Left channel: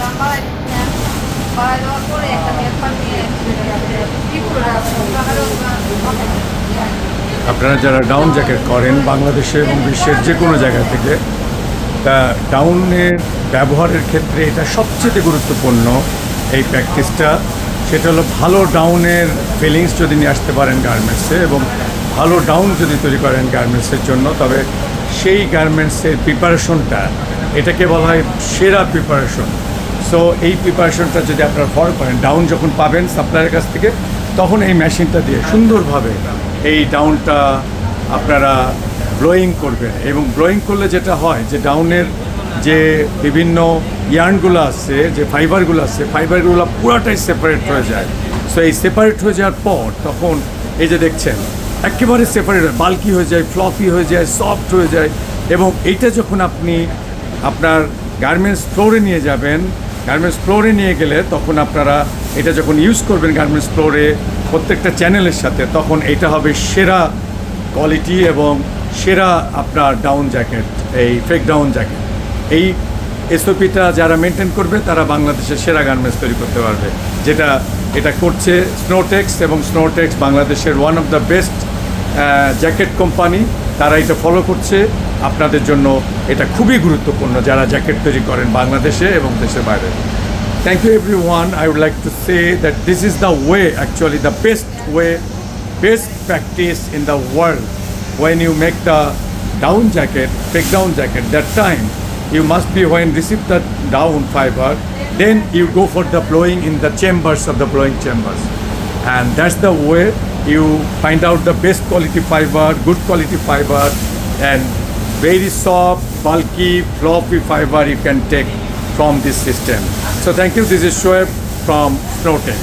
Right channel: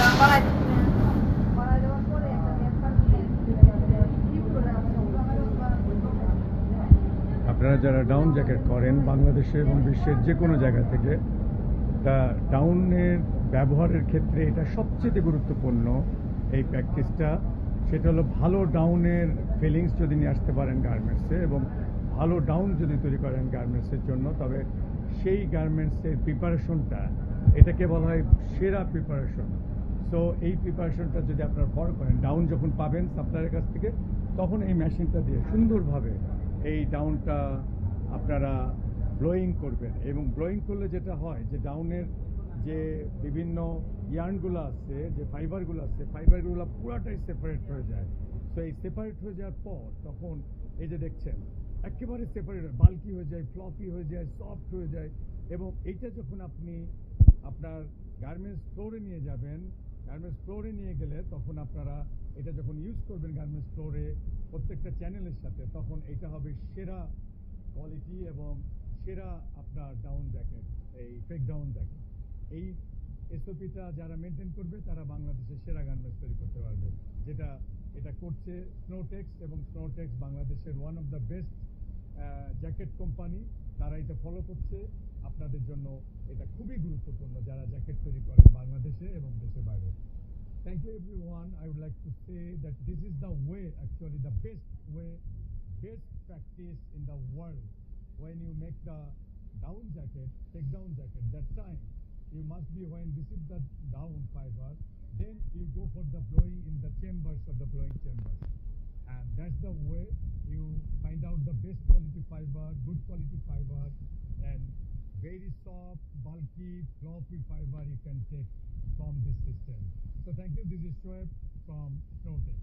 দাম বাড়াই দিচ্ছি না, বাড়াই দেওয়ার পরে একটা পেপার নিয়ে কি করে রাখবো আপনারা যারা ডাউন জ্যাকেট করেন বাংলাদেশে এবং বিশ্বের যে কোনো জায়গা থেকে, তা ডাউনের ব্যবহারের ক্ষেত্রে এটা সবচেয়ে গুরুত্বপূর্ণ এই প্র্যাকটিসটা। সেটা হলো ভালো ডাউনের ফিলিংস যদি নিয়ে আসতে পারেন গার্মেন্টসে এবং ভালো ডাউন যদি তৈরি করেন গার্মেন্টসের জন্য, তবে সেই গার্মেন্টসের প্রিপারেশনটা এটাকে বলা হয় সেরা প্রিপারেশন। সো এই প্রিপারেশনটা যদি আপনারা ফলো করেন, ডাউন যখন পাবেন সাপ্লায়ারের কাছ থেকে, তখন এই মেশিনটা দিয়ে সুন্দরভাবে এই ডাউনটা আপনারা ব্লোয়িং করবেন। এবং ব্লোয়িং করলে যেটা হয় যে ডাউনের যে বিভিন্ন ইয়ার্নগুলো আছে, যে ফাইবারগুলো আছে, ফাইবারগুলো পুরাটাই সেপারেট হয়ে যায়। সো এই সেপারেট হয়ে যাওয়ার পর তখন এই যে দেখছেন একেবারে সেপারেট হয়, বাল্কি হয়ে যায়, ফ্লফি হয়ে যায়, সফট হয়ে যায়। এবং এইটা যখন আপনি আপনার গার্মেন্টস ফ্লোরে নিয়ে যাবেন, গার্মেন্টস ফ্লোরে নিয়ে গেলে তখন আপনারা এটা যখন ইউজ করবেন গার্মেন্টস ফ্লোরে প্রত্যেকটা চ্যানেলের সাথে, তখন এটা হবে সেরা কোয়ালিটি এবং সেরা আপনার ডাউন জ্যাকেট, এই ফেক ডাউন জ্যাকেট। এই এসওপিটা যারা মেনটেন করবে তারা বাংলাদেশের সেরা গার্মেন্টস তৈরি করতে পারবে, যেটা এটা করছে স্নোটেক্স। এবং স্নোটেক্স বাংলাদেশের one of the best jacket company, তারা এটা ফলো করছে। আপনাদের জন্য এটা খুবই গুরুত্বপূর্ণ যারা জ্যাকেট তৈরি করেন বাংলাদেশে এবং দেশের বাইরে। Thank you everyone. I would like to say that this is the way, actually the best way, best practice in the world. When you make the down jacket, fake down jacket, that time you must be, when receive the down fiber, then you go for the blowing in the chambers of the blowing chambers. And that's the way you find out the best quality fiber, good quality fiber, and very soft, bulky, fluffy fiber you can take from this system. So thank you. This is Shoaib from Snowtex.